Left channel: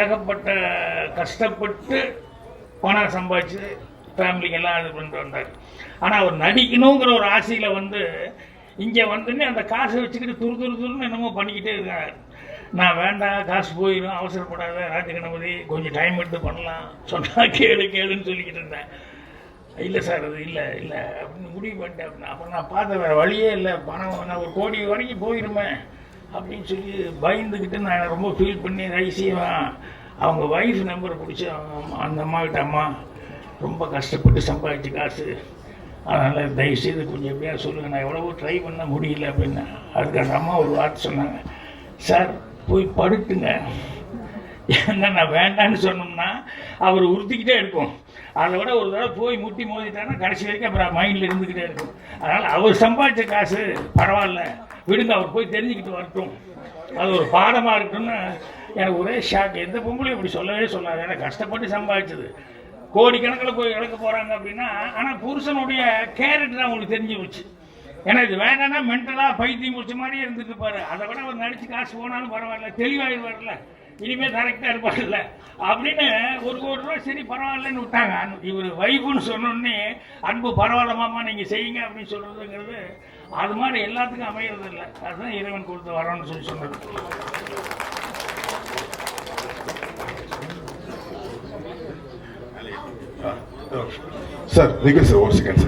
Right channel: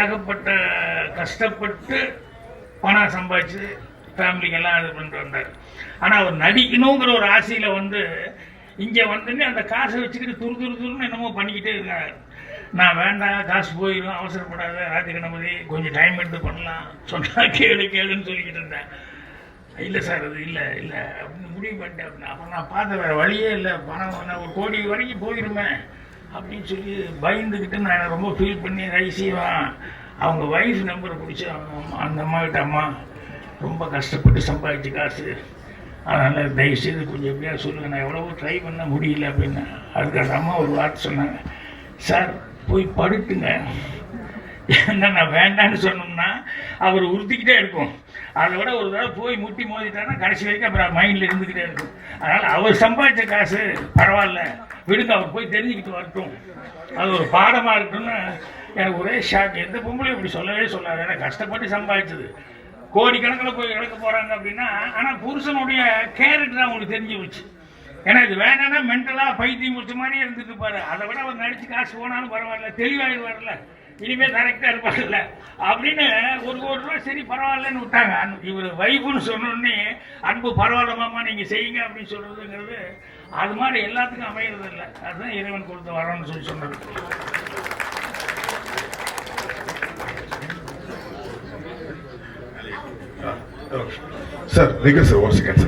ஏகப்பட்ட கஷ்டப்பட்டு பணம் சம்பாதிச்சு ஃபேமிலிக்கெல்லாம் இது பண்ணிட்டு வந்தார். ஆனால் அவர் நடிக்கணுங்கிற ஒரு ஆசையில் வந்து இங்கே வந்துன்னு அந்த காசை வச்சுக்கிட்டு துரு துரு துருன்னு என்னமோ பண்ணிக்கிட்டே இருக்காரு. நான் வேண்டாம் காசு போயிடும் அவசரப்படாத ராஜகணபதி கொஞ்சம் டைம் எடுத்து பண்ணலாம் சொன்னால் கேளு கேளுன்னு சொல்லிக்கிட்டு இருந்தேன் இல்லை சார் அது இல்லை இல்லை அப்படின்னு முடிவு பண்ணிட்டேன். அப்படின்னு அப்புறம் நான் பார்த்த வேறு வழியே இல்லை. பணம் நான் ஒரு கோடி வரைக்கும் போயிருமே அப்படின்னு சொல்லி பயந்துக்கிட்டு நான் ரொம்ப ஃபீல் பண்ணி ரைசியவன் அவங்க வைஃப் நம்பரை பிடிச்சி அவங்க அந்த அம்மாக்கிட்ட அம்மா ரொம்ப கஷ்டப்பட்டு சம்பாதிச்சு காசு. அதனால் தயவுசெய்து கொஞ்சம் எப்படியா சொல்லுங்கள் நான் எவ்வளவோ ட்ரை பண்ண முடியல அப்படின்னு. அதுக்கு அந்த அம்மா ஒரு வார்த்தை சொன்னாங்க. சார் போய் படுத்துங்க. என்ன நான் வேண்டான்னு சொன்னோம்னா அவர் உறுத்திக்கிட்டே இருக்கும். அதை விட ஒரு தடவை போய் முட்டி மோதிட்டான்னா கடைசி வரைக்கும் அப்புறம் மைண்டில் இருந்துக்கிட்டே இருக்கும். அதனால் அவர் சம்பாதிச்ச காசு பரவாயில்ல. விடுங்க அவர் போய் தெரிஞ்சுக்கிட்டு வரட்டும். அது ஒரு பாடமாக இருக்குன்னு எனக்கு ஒரே ஷாக் எந்த பொம்பளையும் இப்படி சொல்லவே சொல்லாது. ஏன்னா கஷ்டப்பட்டு சம்பாதிச்சது. கோடிக்கணக்கில் போய் இழக்க போகிறாங்க அப்படின்னா ஆனால் புருஷனுடைய கேரக்டர் அவங்களுக்கு தெரிஞ்சு போச்சு. ஏன்னா இது வேணாம்னா மென்டலாக பைத்தியம் முடிச்ச மாதிரி இருந்துட்டு பாரு அதை விட அவர் நடிச்சு காசு போனாலும் பரவாயில்ல. தெளிவாகிடுவார்ல இனிமே கரெக்டா இருப்பாங்கல்ல அப்படின்னு ஒரு ஒரு ரூபா சரி பரவாயில்லன்னு விட்டாங்க. இவர் வைஃப்னு சொன்னோடனே அன்பு பரவாயில்ல மாமா நீங்கள் செய்யுங்க அப்படின்னு சொல்றதுங்கிறது அது மாதிரி எல்லாத்துக்கும் அமையிறது இல்லை அதுதான் இறைவன் கொடுத்து வரோம்னு சொல்லி சொன்னது sir Vikas, sir, once sir.